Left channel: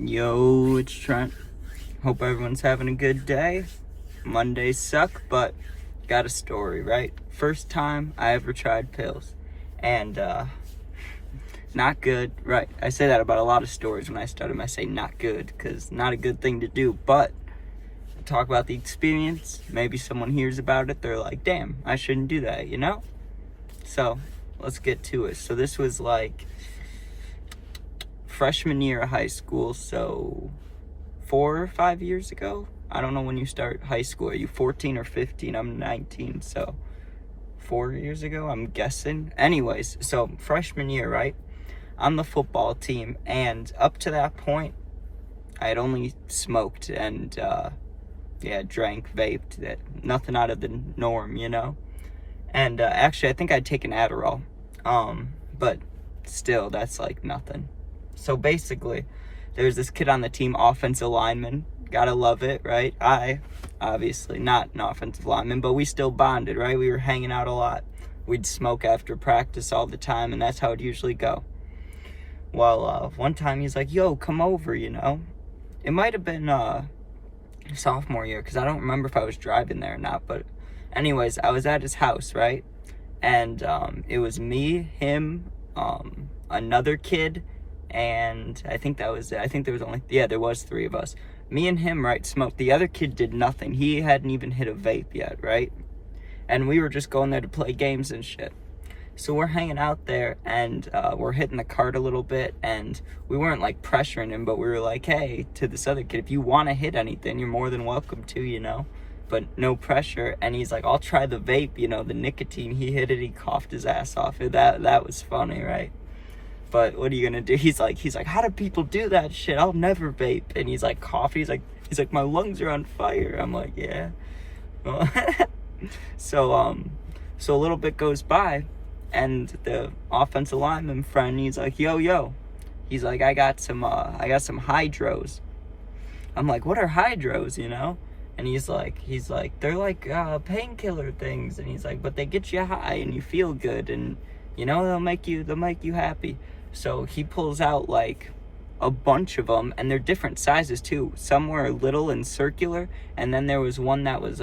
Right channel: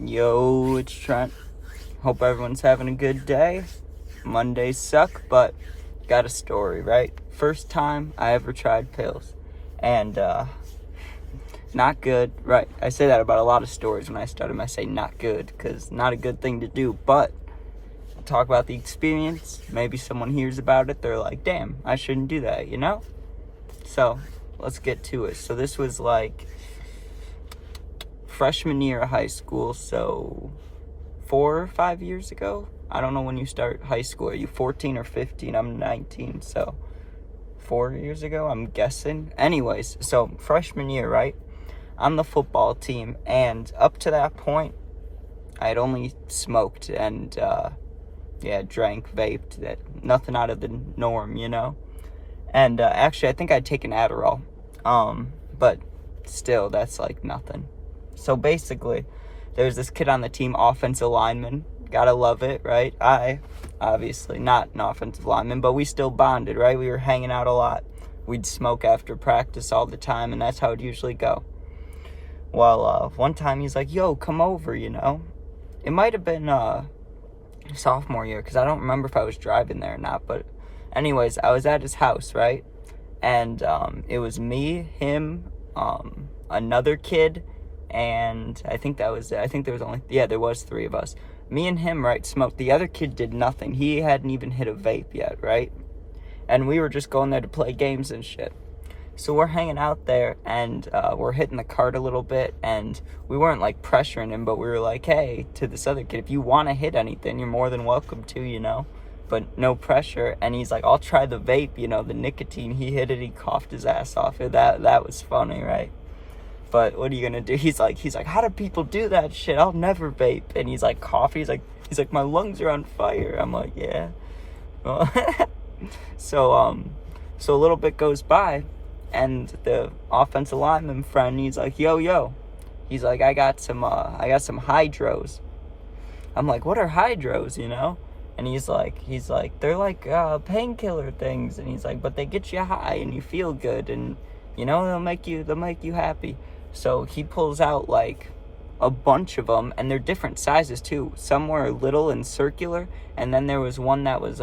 Yo, it's Trent. Hope everyone's having a good day. Mondays suck, but got a story, right? First time I ever tried pills. And, not good, right? I say that about a lot of stories when I start them. I say not good, because not a good thing to do, but talk about the experience. Maybe someone hears about it, they're like, damn, I shouldn't do that, you know? So, let's get to it. So this was like freshman year of high school, so 4 or 5 years ago. I don't know when you start high school. Are you 14 or 15? I'm 19, so 4 years ago, I'm guessing. Anyways, so freshman year, right? On the football team, and up to that point, I had only smoked and, drank, vaped, nothing out of the norm, you know? And, actually, I think I'd taken Adderall, but still, that's, like, nothing. So, basically, there's this kid on the team, offensive lineman, gotta love it, right? I, obviously, not an offensive lineman, but we still bonded, right? We were hanging out a lot. We'd smoke after practice all the time, and that's how it'd usually go. Well, one time he's like, yo, come over, you know? It might have been, sophomore year, because I don't remember if I was driving there or not, but anyways, I was at his house, right? And, it was me, him, another kid, and I think that was it. I think there was 3 of us. Me and him, right, smoked. The other kid did nothing. He hadn't even hit a vape yet, right? And we were just going there to play games and shit. So we're hanging out there, and we're hitting the cart a little bit, and we weren't, like, pressuring him, but we were like, hey, to this other kid, if you want to hit anything, you're more than welcome to, you know? But no pressure. And he's like, I'll try the vape, you know, the nicotine. He hit it, he coughed his ass off. That was funny, right? But what are you gonna do? He's like, how do people do that shit? I'll never vape. And he's like, coughing. He's like, my lungs are on fire. I'm like, yeah. So a little bit goes by, and the offensive lineman friend, he's like, yo. He's like, I got some Hydros. I'm like, what are Hydros, you know? And he's like, they're like painkiller things. And he's like, but they get you high and you feel good, and you know, they'll make you happy. So he pulls out like a bunch of them, and they're different sizes too. Some were little and circular, and then there was one that was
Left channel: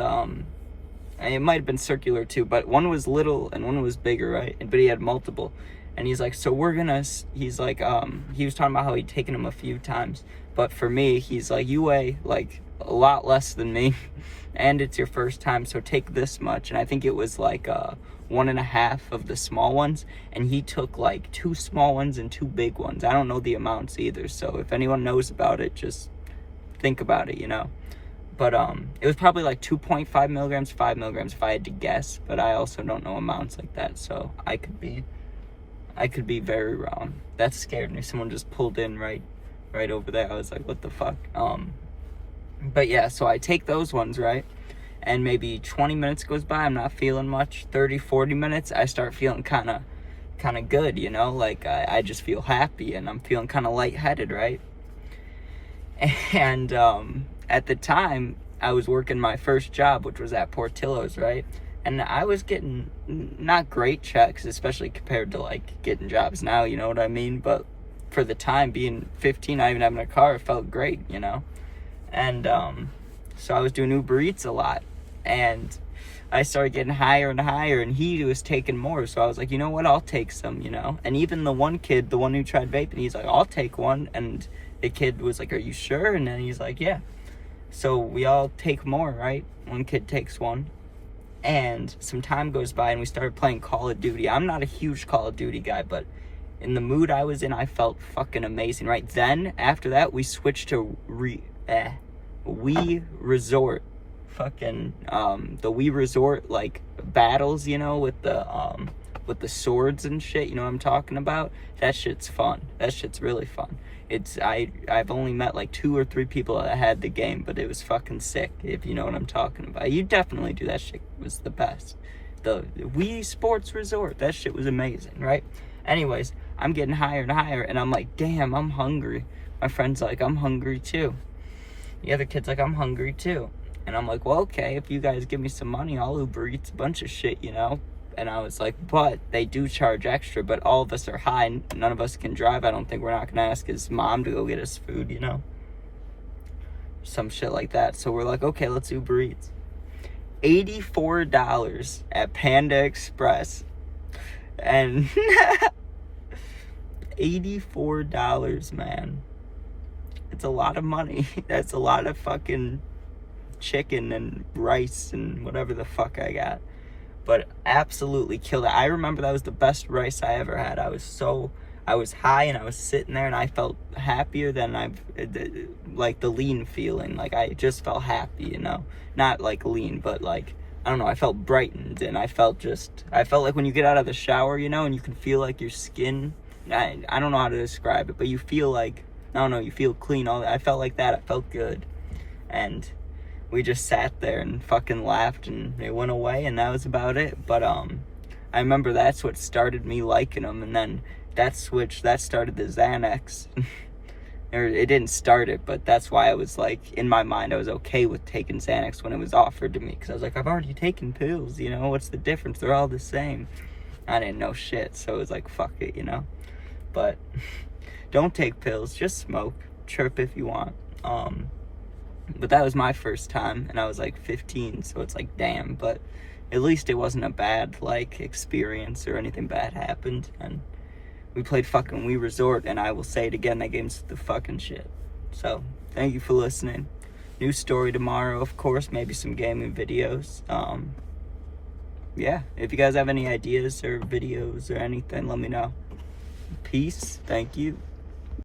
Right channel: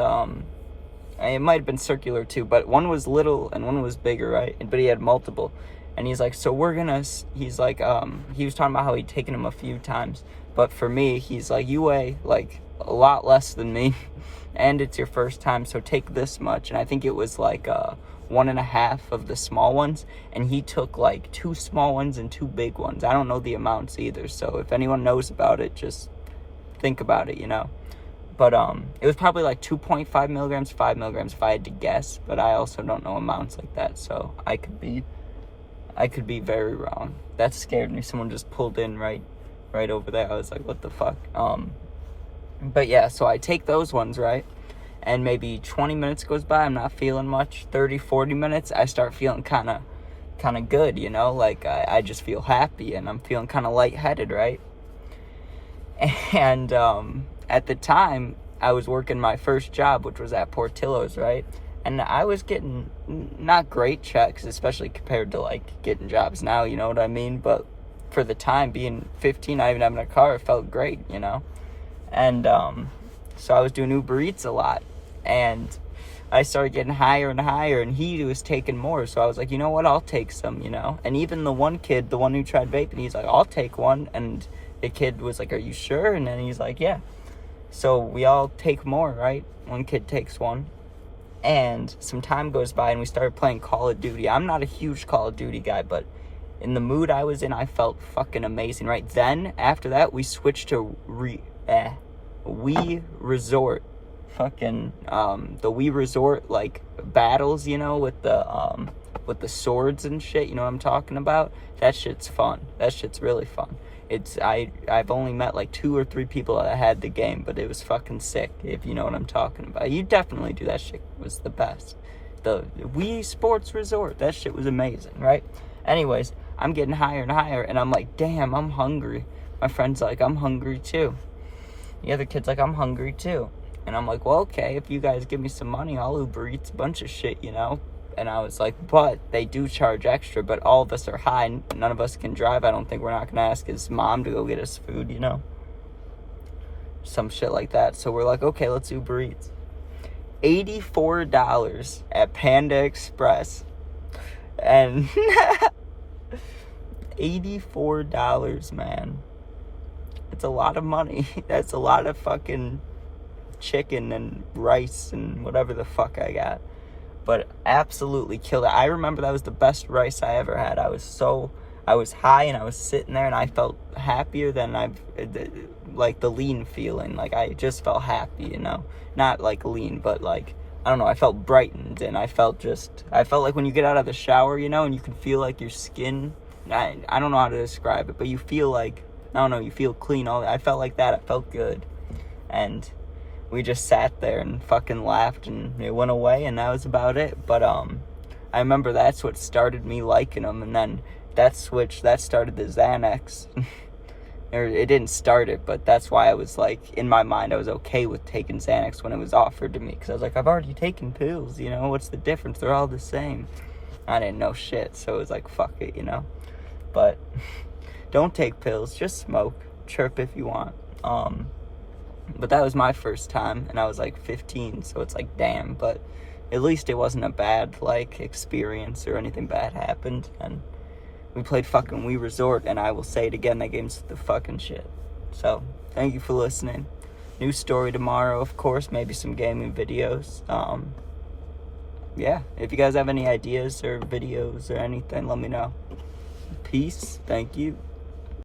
it might have been circular too, but one was little and one was bigger, right? But he had multiple. And he's like, so he's like, he was talking about how he'd taken them a few times, but for me, he's like, you weigh like a lot less than me, and it's your first time, so take this much. And I think it was like 1.5 of the small ones, and he took like 2 small ones and 2 big ones. I don't know the amounts either, so if anyone knows about it, just think about it, you know? But it was probably like 2.5 milligrams, 5 milligrams if I had to guess, but I also don't know amounts like that, so I could be very wrong. That scared me. Someone just pulled in right over there. I was like, what the fuck? But yeah, so I take those ones, right? And maybe 20 minutes goes by, I'm not feeling much. 30, 40 minutes, I start feeling kind of good, you know? Like, I just feel happy, and I'm feeling kind of lightheaded, right? And, at the time, I was working my first job, which was at Portillo's, right? And I was getting not great checks, especially compared to, like, getting jobs now, you know what I mean? But for the time, being 15, not even having a car, it felt great, you know? And, so I was doing Uber Eats a lot, and I started getting higher and higher, and he was taking more, so I was like, you know what, I'll take some, you know? And even the one kid, the one who tried vaping, he's like, I'll take one, and the kid was like, are you sure? And then he's like, yeah. So we all take more, right? One kid takes one, and some time goes by, and we started playing Call of Duty. I'm not a huge Call of Duty guy, but in the mood I was in, I felt fucking amazing, right? Then, after that, we switched to Wii Resort. Fucking, the Wii Resort, like, battles, you know, with the swords and shit, you know what I'm talking about? That shit's fun. That shit's really fun. I've only met like 2 or 3 people that had the game, but it was fucking sick, if you know what I'm talking about. You definitely do. That shit was the best. The Wii Sports Resort, that shit was amazing, right? Anyways, I'm getting higher and higher, and I'm like, damn, I'm hungry. My friend's like, I'm hungry too. The other kid's like, I'm hungry too. And I'm like, well, okay, if you guys give me some money, I'll Uber Eats a bunch of shit, you know? And I was like, but they do charge extra, but all of us are high. None of us can drive. I don't think we're not going to ask his mom to go get us food, you know? Some shit like that. So we're like, okay, let's Uber Eats. $84 at Panda Express. And $84, man. It's a lot of money. That's a lot of fucking chicken and rice and whatever the fuck I got. But absolutely killed it. I remember that was the best rice I ever had. I was high and I was sitting there and I felt happier than like the lean feeling. Like I just felt happy, you know? Not like lean, but like, I don't know, I felt brightened and I felt like when you get out of the shower, you know, and you can feel like your skin, I don't know how to describe it, but you feel like, I don't know, you feel clean. I felt like that. I felt good. And we just sat there and fucking laughed and it went away and that was about it. But I remember that's what started me liking them, and then that started the Xanax. Or it didn't start it, but that's why I was like, in my mind, I was okay with taking Xanax when it was offered to me, because I was like, I've already taken pills, you know, what's the difference? They're all the same. I didn't know shit, so it was like, fuck it, you know. But don't take pills, just smoke, chirp if you want. But that was my first time, and I was like 15, so it's like, damn. But at least it wasn't a bad, like, experience or anything bad happened. And we played fucking Wii Resort, and I will say it again, that game's the fucking shit. So, thank you for listening. New story tomorrow, of course, maybe some gaming videos. Yeah, if you guys have any ideas or videos or anything, let me know. Peace, thank you.